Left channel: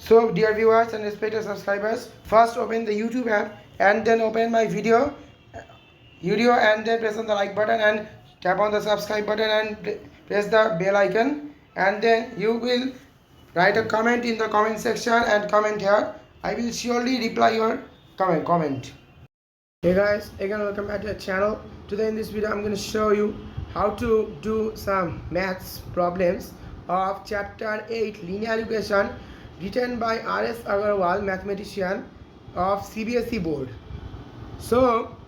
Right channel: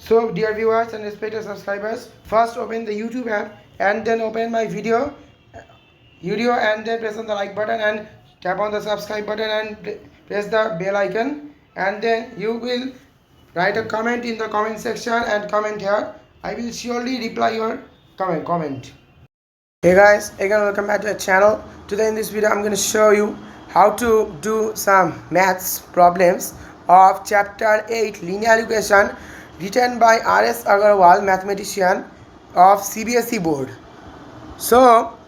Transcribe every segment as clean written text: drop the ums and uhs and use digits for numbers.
So dear viewers and respected subscribers, first open the YouTube app and then open my video and then press on the like button and tap on the subscribe button and press the bell icon, and then you will write a comment in the comment section and comment here. I will surely reply your comment. Hey guys, again welcome back to the channel. Today in this video I'm going to show you how to do some maths problems of chapter 8 linear equation written by R.S. Aggarwal, mathematician of CBSE board. So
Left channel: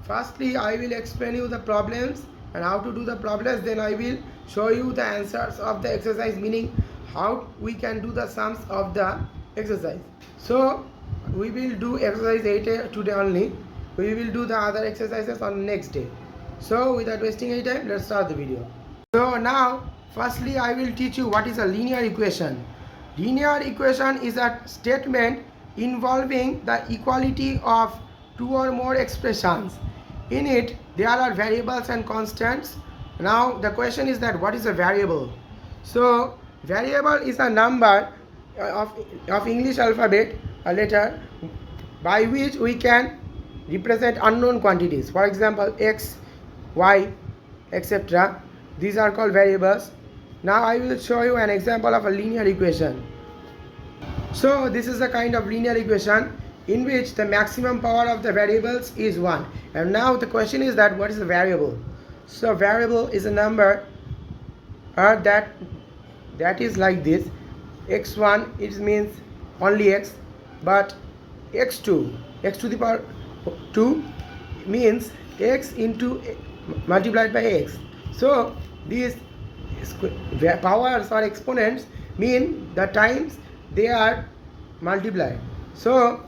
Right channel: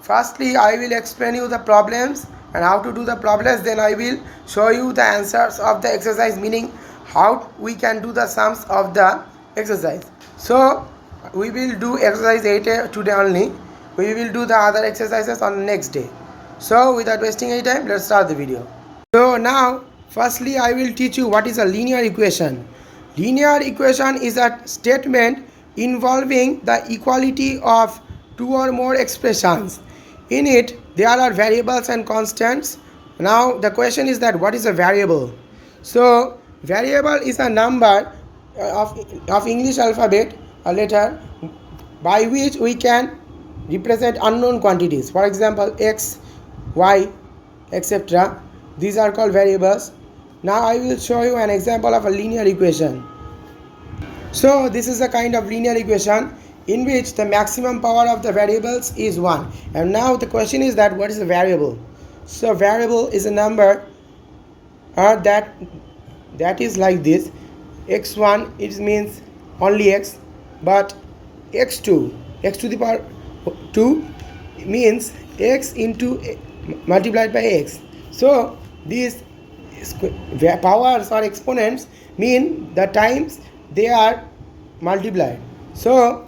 firstly I will explain you the problems and how to do the problems, then I will show you the answers of the exercise, meaning how we can do the sums of the exercise. So we will do exercise 8A today only. We will do the other exercises on the next day. So without wasting any time, let's start the video. So now firstly I will teach you what is a linear equation. Linear equation is a statement involving the equality of two or more expressions. In it there are variables and constants. Now the question is that what is a variable? So variable is a number of English alphabet, a letter, by which we can represent unknown quantities. For example, x, y, etc. These are called variables. Now I will show you an example of a linear equation. So this is a kind of linear equation in which the maximum power of the variables is 1. And now the question is that what is a variable? So variable is a number that is like this. x1, it means only x, but x2, x to the power 2 means x into multiplied by x. So these powers or exponents mean the times they are multiplied. So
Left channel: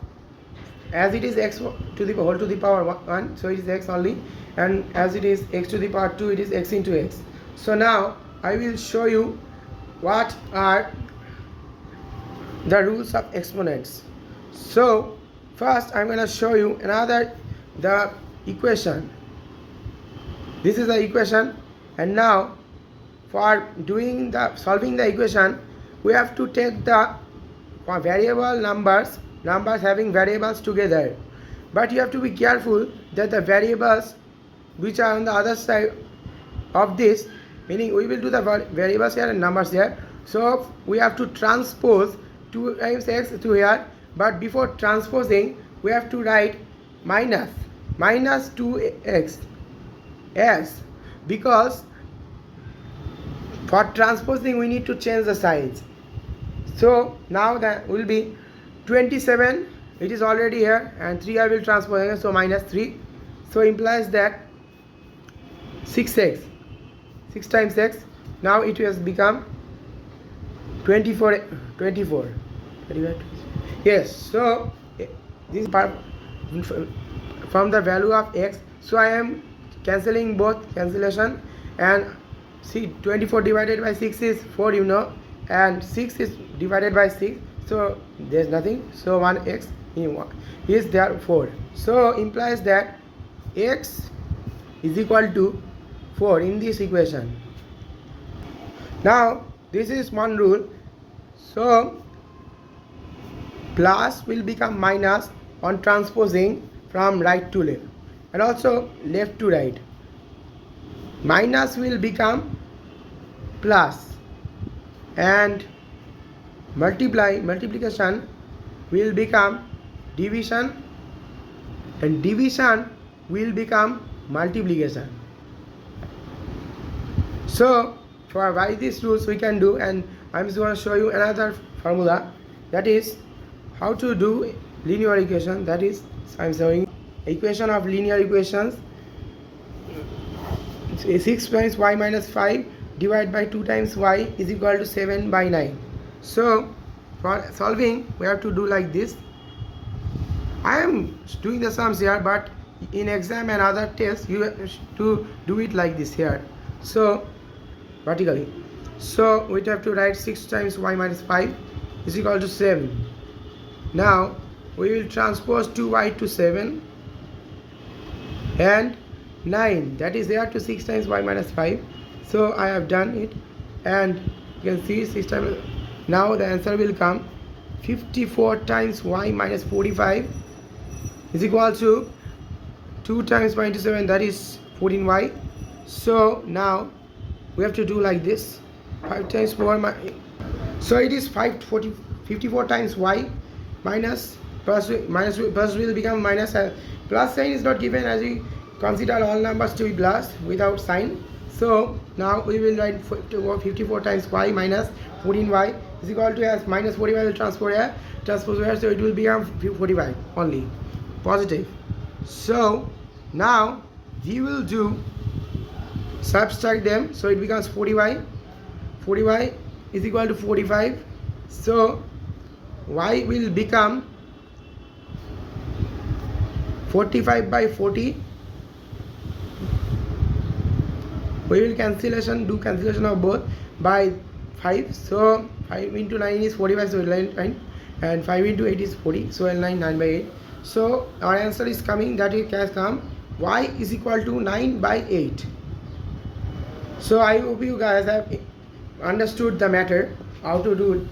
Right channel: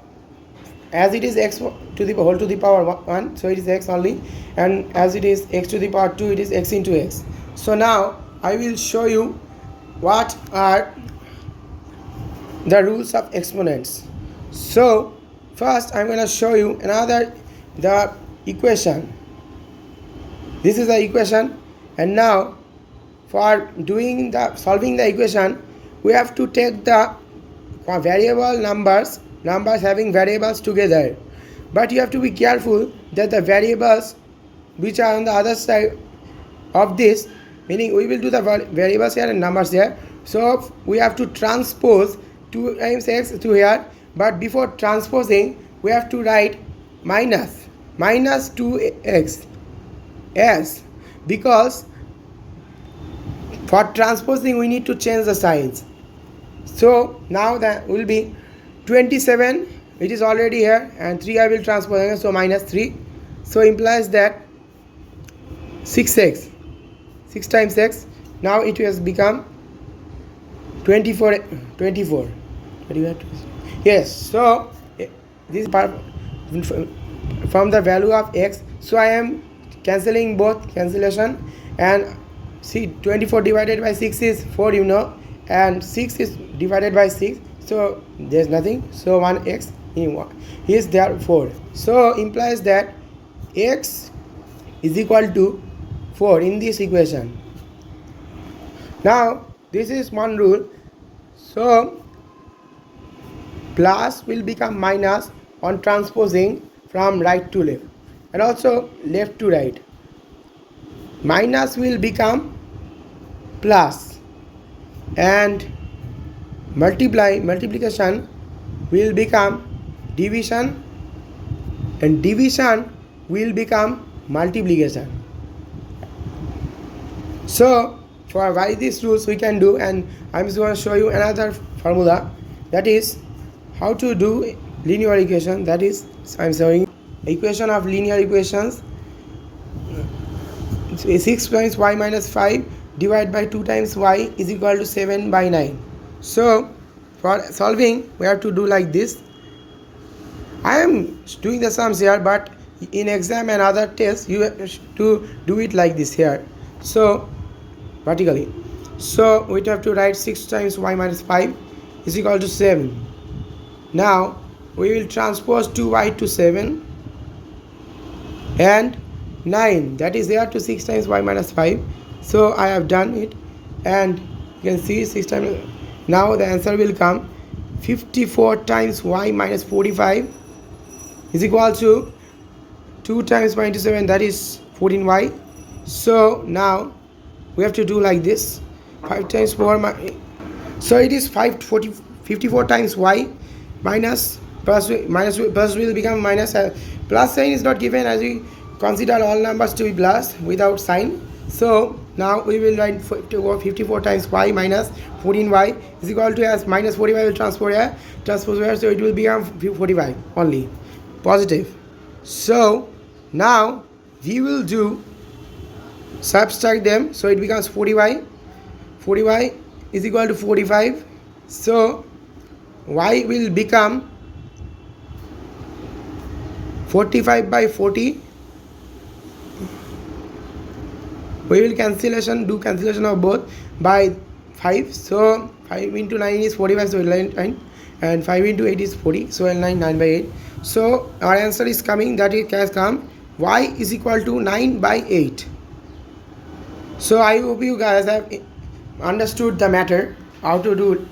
as it is x to the whole to the power 1, so it is x only, and as it is x to the power 2, it is x into x. So now I will show you what are the rules of exponents. So first I'm going to show you the equation. This is the equation, and now for solving the equation we have to take the variable numbers having variables together, but you have to be careful that the variables which are on the other side of this, meaning we will do the variables here and numbers here, so we have to transpose 2 times x to here, but before transposing we have to write minus 2x as, because for transposing we need to change the signs. So now that will be 27, it is already here, and 3 I will transpose again, so minus 3, so implies that 6x, 6 times x, now it has become 24. Yes, so this part from the value of x, so I am cancelling both cancellation, and see 24 divided by 6 is 4, you know, and 6 is divided by 6, so there is nothing, so 1x is there 4, so implies that x is equal to 4 in this equation. Now this is one rule. So plus will become minus on transposing from right to left, and also left to right. Minus will become plus, and multiplication will become division, and division will become multiplication. So for why these rules we can do, and I'm just going to show you another formula, that is how to do linear equation. That is, I'm showing equation of linear equations. 6 times y minus 5 divided by 2 times y is equal to 7 by 9. So for solving we have to do like this. I am doing the sums here, but in exam and other tests you have to do it like this here, so vertically. So we have to write 6 times y minus 5 is equal to 7. Now we will transpose 2y to 7 and 9, that is there to 6 times y minus 5. So I have done it, and you can see 6 times. Now the answer will come 54 times y minus 45 is equal to 2 times 27, that is 14y. So now we have to do like this. 5 times 4 so it is 54 times y minus plus will become minus. Plus sign is not given, as we consider all numbers to be plus without sign. So now we will write 54 times y minus 14y is equal to, as minus 45 will transpose here, so it will become 45 only, positive. So now we will do subtract them, so it becomes 40y is equal to 45. So y will become 45 by 40. We will do cancellation of both by 5. So 5 into 9 is 45, so 9, and 5 into 8 is 40, so 9 by 8. So our answer is coming, that it has come y is equal to 9 by 8. So I hope you guys have understood the matter, how to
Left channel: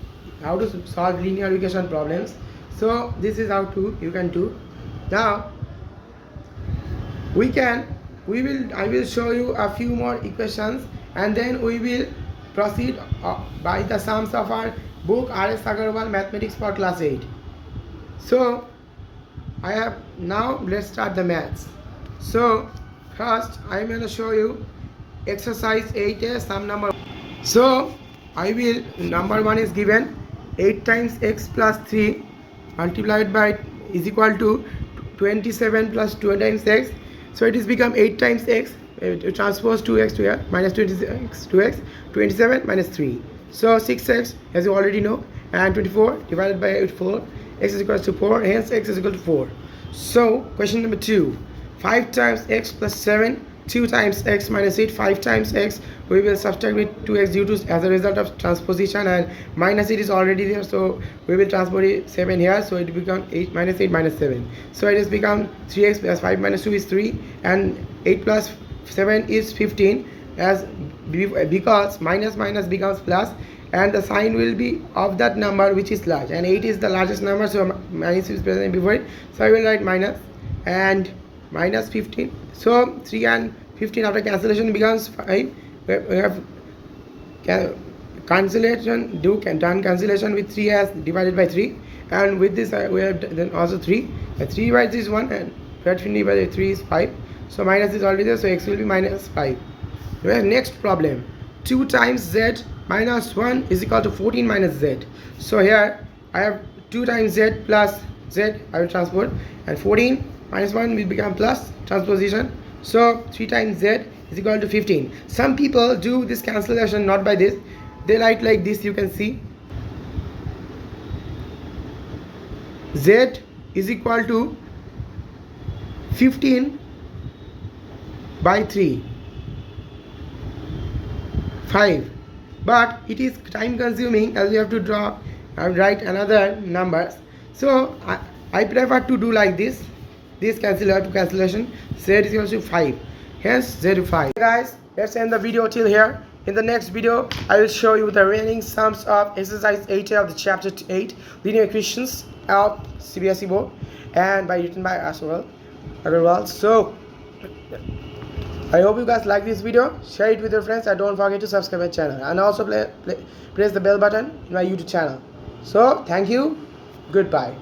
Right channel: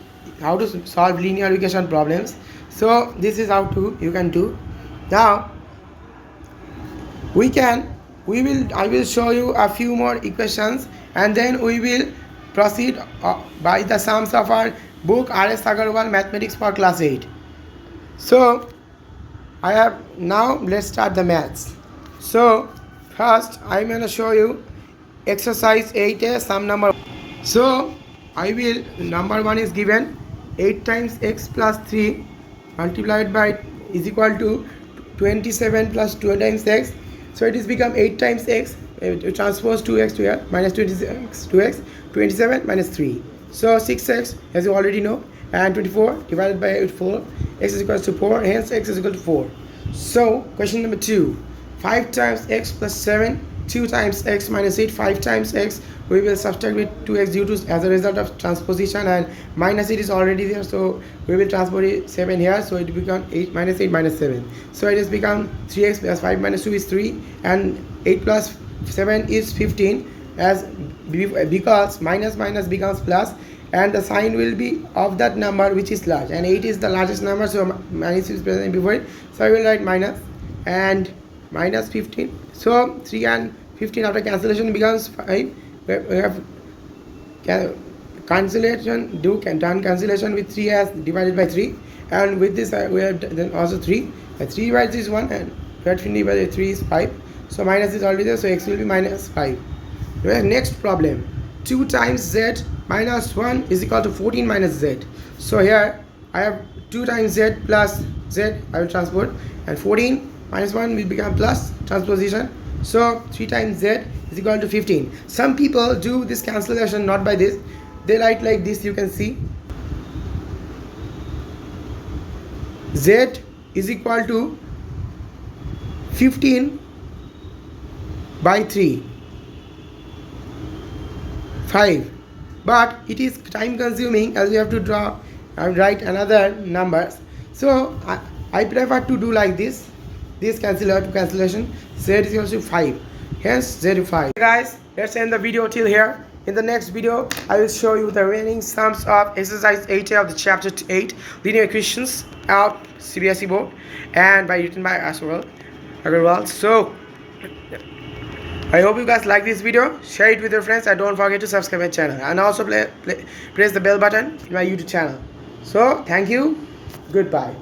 solve linear equation problems. So this is how you can do. Now I will show you a few more equations, and then we will proceed by the sums of our book R.S. Aggarwal Mathematics for Class 8. So let's start the maths. So first I'm going to show you exercise 8A, sum number. So number 1 is given 8 times x plus 3 multiplied by is equal to 27 plus 2 times x. So it is become 8 times x, transpose 2x to here, minus 26 2x, 27 minus 3. So 6x, as you already know, and 24 divided by 4, x is equal to 4, hence x is equal to 4. So question number 2, 5 times x plus 7, 2 times x minus 8, 5 times x, we will subtract with 2x due to as a result of transposition, and minus 8 is already there, so we will transpose 7 here, so it becomes 8 minus 7. So it has become 3x plus 5 minus 2 is 3, and 8 plus 7 is 15, because minus becomes plus, and the sign will be of that number which is large, and 8 is the largest number, so minus is present before it, so I will write minus and minus 15. So 3 and 15 after cancellation becomes 5. We have done cancellation with 3 as divided by 3, and with this we have then also 3. 3 divides is 1, and 15 divided by 3 is 5. So minus is already there, so x will be minus 5. Next problem, 2 times z minus 1 is equal to 14 minus z. So here I have 2 times z plus z, I will transpose, and 14 minus 1 will become plus transposition. So 3 times z is equal to 15. Some people do this cancellation not by this, they write like this, you can see z is equal to 15 by 3, 5, but it is time consuming as we have to draw and write another numbers. So I prefer to do like this cancellation. Z is equal to 5, hence z to 5. Guys, let's end the video till here. In the next video I will show you the remaining sums of exercise 8A of the chapter 8 Linear Equations of CBSE board, and written by Aggarwal. So I hope you guys like this video, share it with your friends, and don't forget to subscribe my channel, and also press the bell button in my YouTube channel. So thank you, goodbye.